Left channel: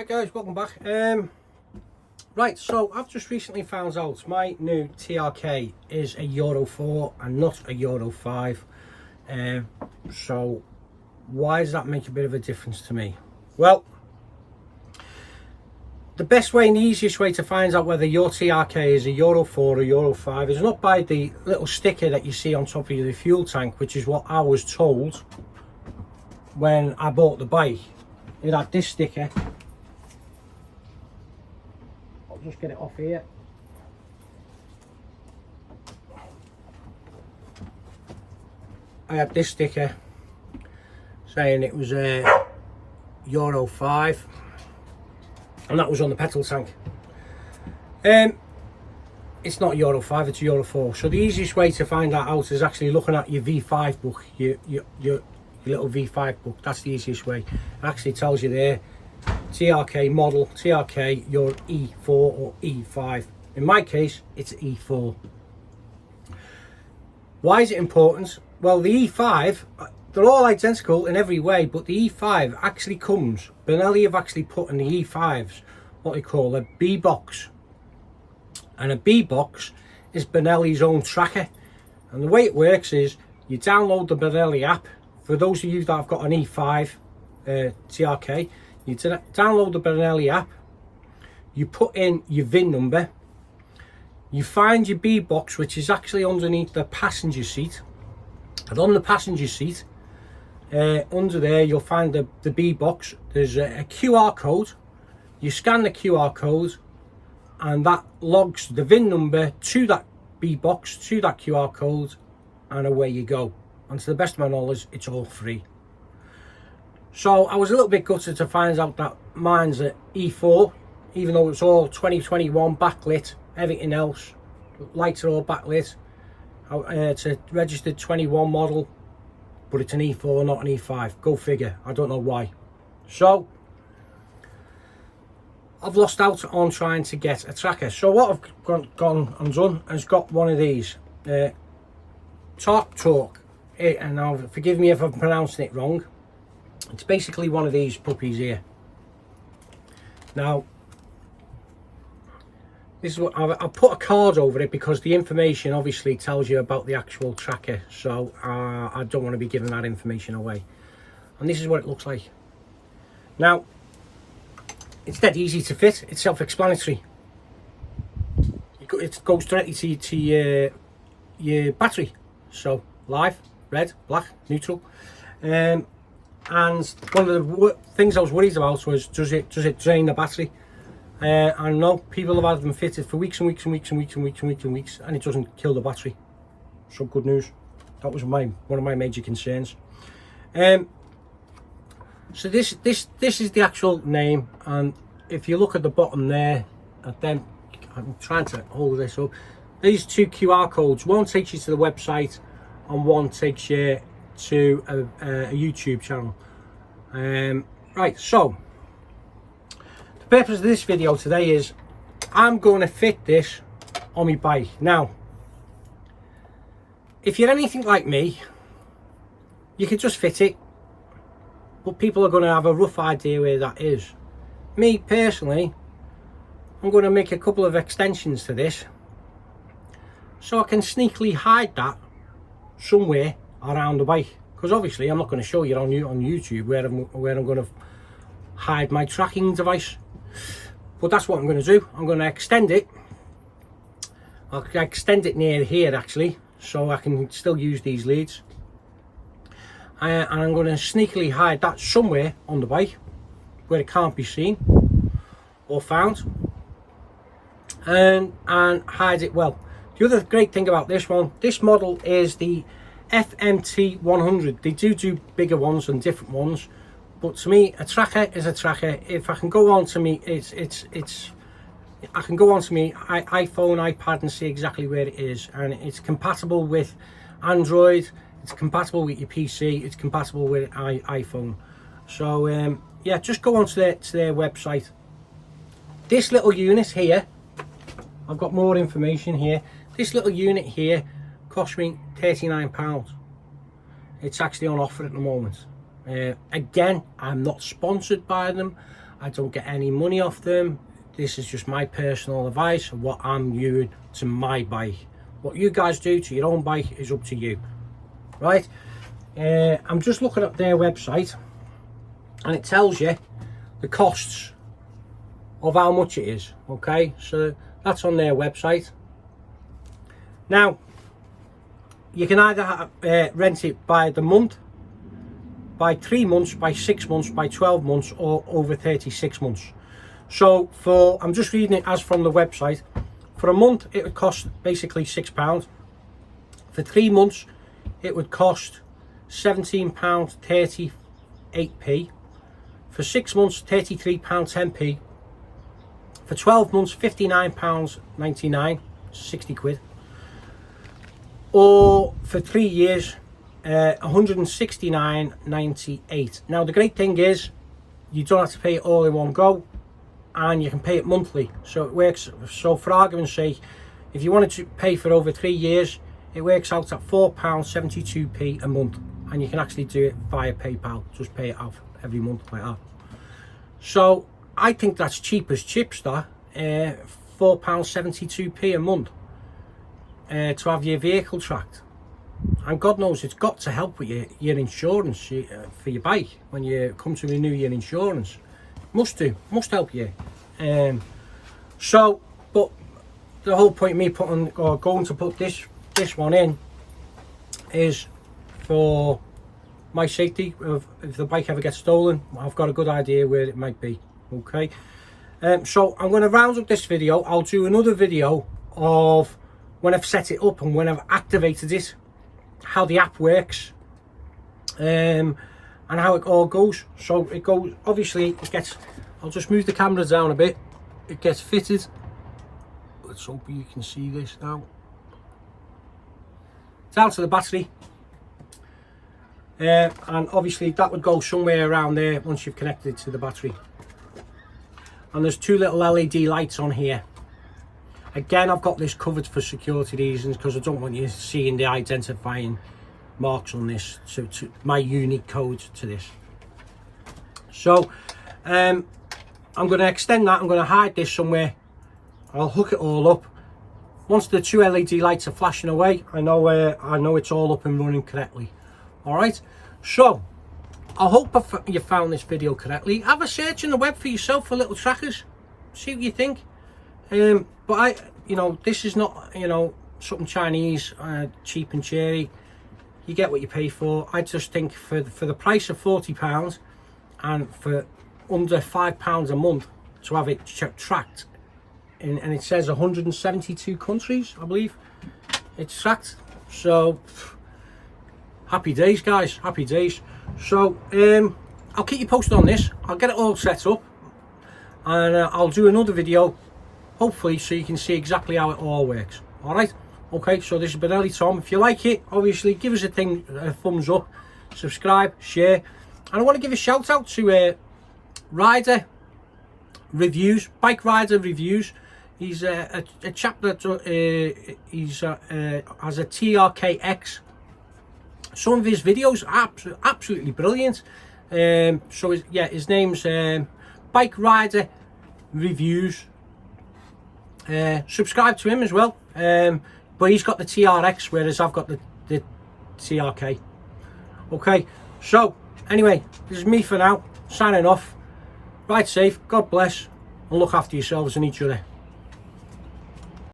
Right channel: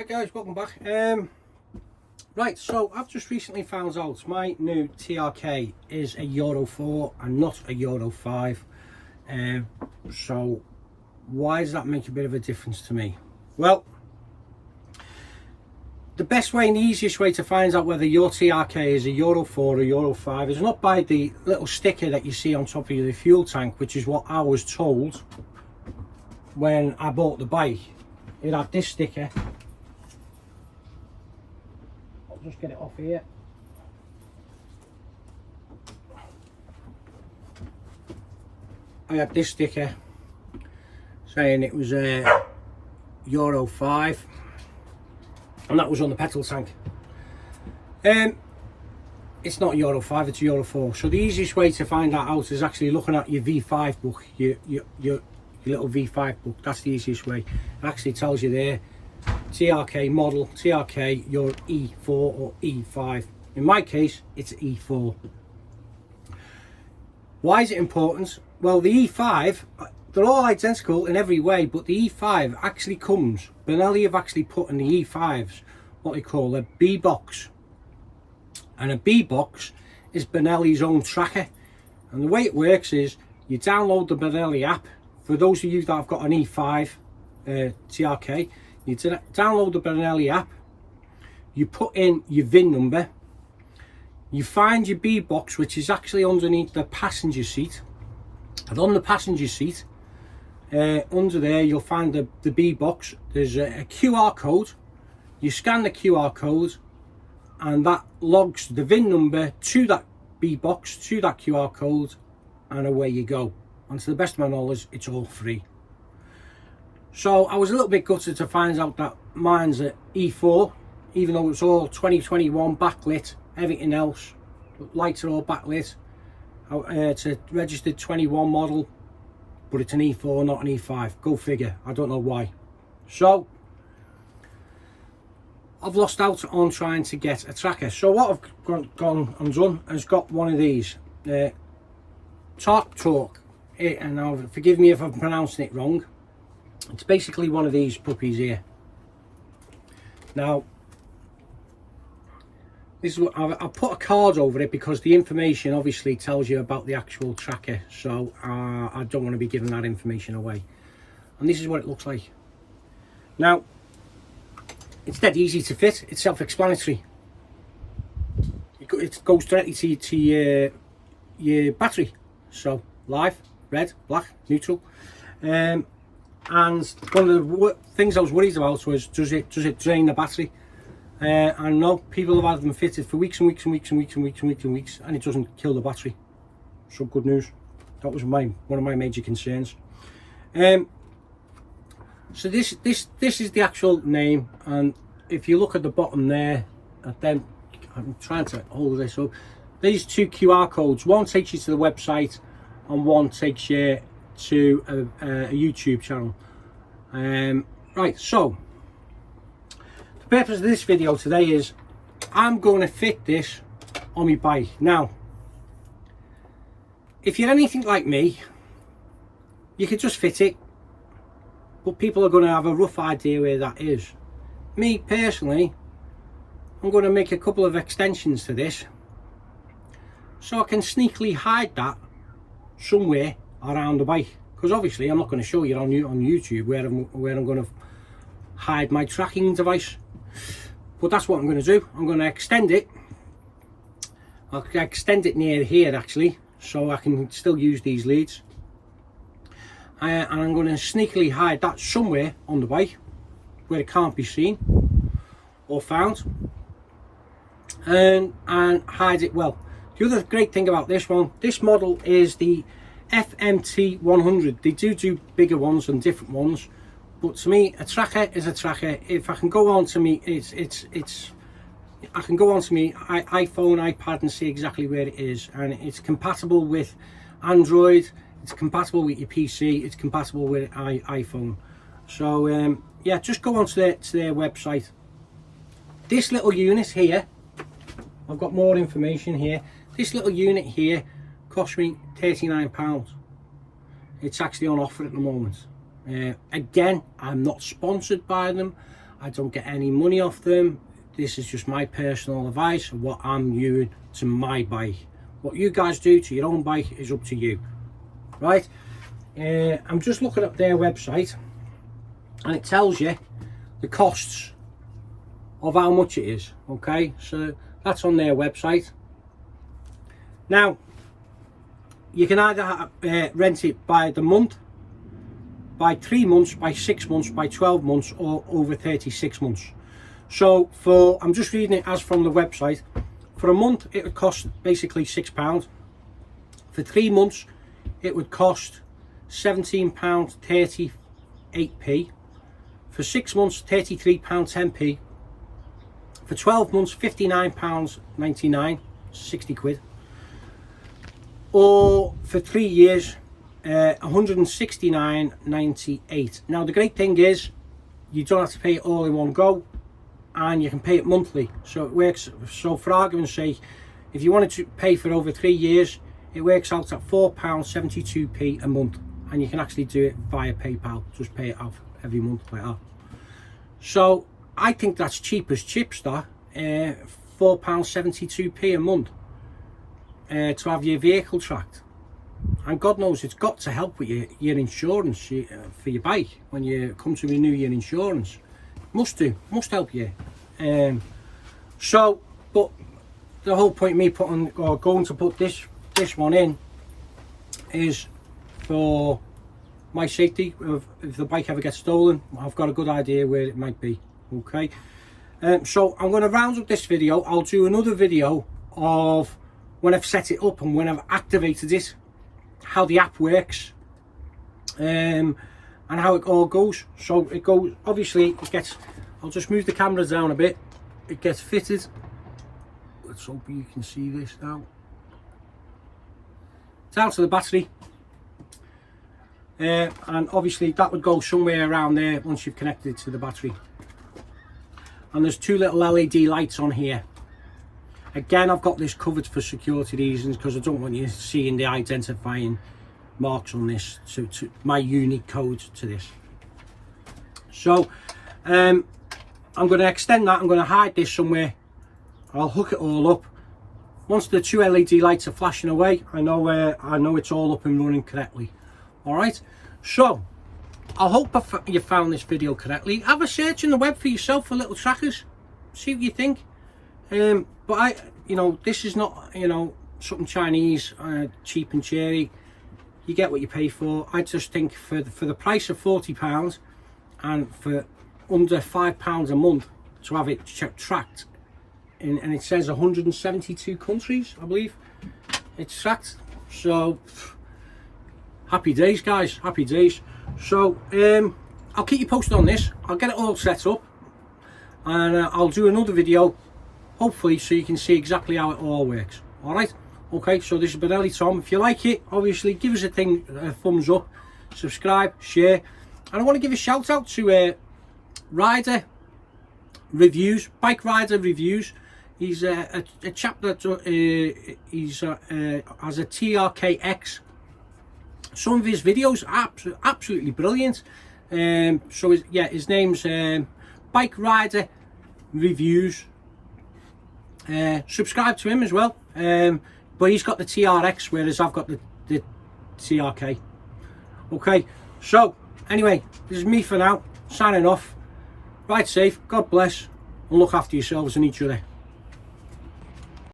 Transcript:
Hi guys, welcome back. Right, so I've just recently found out my new TRK is a Euro 4 and not a Euro 5. So why does that make a bit of a difference to me? Well, the best way and the easiest way to find out whether your TRK is a Euro 4 or Euro 5 is not by the little sticker that you see on top of the fuel tank, which is what I was told when I bought the bike. It had this sticker. I'll just get it off here. I had this sticker saying it was a Euro 5, and that was on the petrol tank. It's not Euro 5, it's Euro 4. So the easiest way to find that out is actually looking at your V5 book, your little V5 book. That's the easiest way. It actually tells you there, TRK model, TRK, your E4 or E5. In my case, it's E4. Why is it important? Well, the E5, they're all identical in every way, but the E5 actually comes, Benelli have actually put in the E5s what they call a B box. And a B box is Benelli's own tracker. And the way it works is you download the Benelli app. For those of you that have got an E5 TRK, you download the Benelli app, you put in your VIN number, you find your B box, which is actually underneath the passenger seat, and on the passenger seat, under there you'll find the B box. There's a QR code. You scan the QR code and that logs the VIN number to that B box, to that QR code, and away you go. And to the best of my knowledge, it's all free. So I was a little bit gutted to find out that mine's an E4, even though it's all 2021 backlit, everything else, lights are all backlit. It's a registered 21 model, but it's an E4, not an E5. Go figure, I don't know why. So I've lost out on trying to get a tracker. So what I've gone and done is got one of these, TRK. And now forgive me if I'm pronouncing it wrong. It's basically one of these puppies here. Now this is what I've put a card over it because the information obviously tells you about the actual tracker, so I don't want to be giving that information away. And this is what it looks like. Now it's dead easy to fit, it's self-explanatory. It goes directly to your battery, so live, red, black, neutral. And one of the things I was worried about was, does it drain the battery? I know people have had them fitted for weeks and weeks and weeks and weeks and weeks and weeks and weeks, and it doesn't kill the battery. So good news. That was one of my major concerns. So this is the actual name, and if you look at the bottom there, then I'm trying to hold this up. These two QR codes. One takes you to the website, and one takes you to a YouTube channel. Right, so the purpose of this video today is I'm going to fit this on my bike. Now, if you're anything like me, you can just fit it, but people are going to have a rough idea where that is. Me personally, I'm going to make a couple of extensions to this so I can sneakily hide that somewhere around the bike, because obviously I'm not going to show you on YouTube where I'm going to hide my tracking device. But that's what I'm going to do. I'm going to extend it. I'll extend it near here actually, so I can still use these leads. And I'm going to sneakily hide that somewhere on the bike where it can't be seen or found, and hide it well. The other great thing about this one, this model is the FMT 100. They do bigger ones and different ones, but to me a tracker is a tracker. If I can go on to me, I can go on to me iPhone, iPad and see exactly where it is, and it's compatible with Android, it's compatible with your PC, it's compatible with iPhone. So yeah, just go on to their website. This little unit here, I've got more information here. This little unit here cost me £39. It's actually on offer at the moment. Again, I'm not sponsored by them. I don't get any money off them. This is just my personal advice of what I'm doing to my bike. What you guys do to your own bike is up to you, right? I'm just looking at their website, and it tells you the costs of how much it is. Okay, so that's on their website. Now you can either rent it by the month, by 3 months, by 6 months, by 12 months, or over 36 months. So I'm just reading it as from the website. For a month it would cost basically £6. For 3 months it would cost £17.38p. For 6 months £33.10p. For 12 months £59.99, 60 quid. Or for 3 years 169.98. Now the great thing is you don't have to pay it all in one go, and you can pay it monthly. So it works, so for argument's sake, if you wanted to pay for over 3 years, it works out at £4.72p a month, and you can actually do it via PayPal. Just pay it out every month like that. So I think that's cheap as chips, that £4.72p a month to have your vehicle tracked. And God knows it's got to help with your insurance for your bike when you come to renew your insurance. Must help you. So, but the whole point of me putting, or going to put this one in, is for my safety. If the bike ever gets stolen, I've got a good idea where it might be. Okay, so I'm going to round up this video. I'll do another video of when I've set it up and when I've activated it, how the app works, and how it all goes. So it goes, obviously it gets, I'll just move the camera down a bit, it gets fitted. Let's hope you can see this now. Down to the battery, and obviously that would go somewhere around there once you've connected it to the battery. And there's 2 little LED lights on here. Again, I've got this covered for security reasons, because I don't want you seeing the identifying marks on this, to my unique code to this. So I'm going to extend that. I'm going to hide this somewhere. I'll hook it all up. Once the 2 LED lights are flashing away, I know it's all up and running correctly. All right, so I hope you found this video correctly. Have a search on the web for yourself for little trackers, see what you think. But this is not, something Chinese, cheap and cherry. You get what you pay for. I just think for the price of £40 and for under £5 a month to have it tracked, and it says 172 countries, I believe it's tracked. So happy days, guys, happy days. So I'll keep you posted on this. I'll get it all set up, and I'll do another video, hopefully, so you can see exactly how it all works. All right, okay, so this is Benelli Tom. If you like it, obviously give us a thumbs up, subscribe, share. And I want to give a shout out to Rider Reviews, Bike Rider Reviews. He's a chap that has a TRKX. Some of his videos are absolutely brilliant. So his name's Bike Rider Reviews. Subscribe to him as well, but he's got the TRX, whereas I've got the TRK. Okay, so anyway, this is me for now, signing off. Ride safe, God bless, and look after yourselves and each other.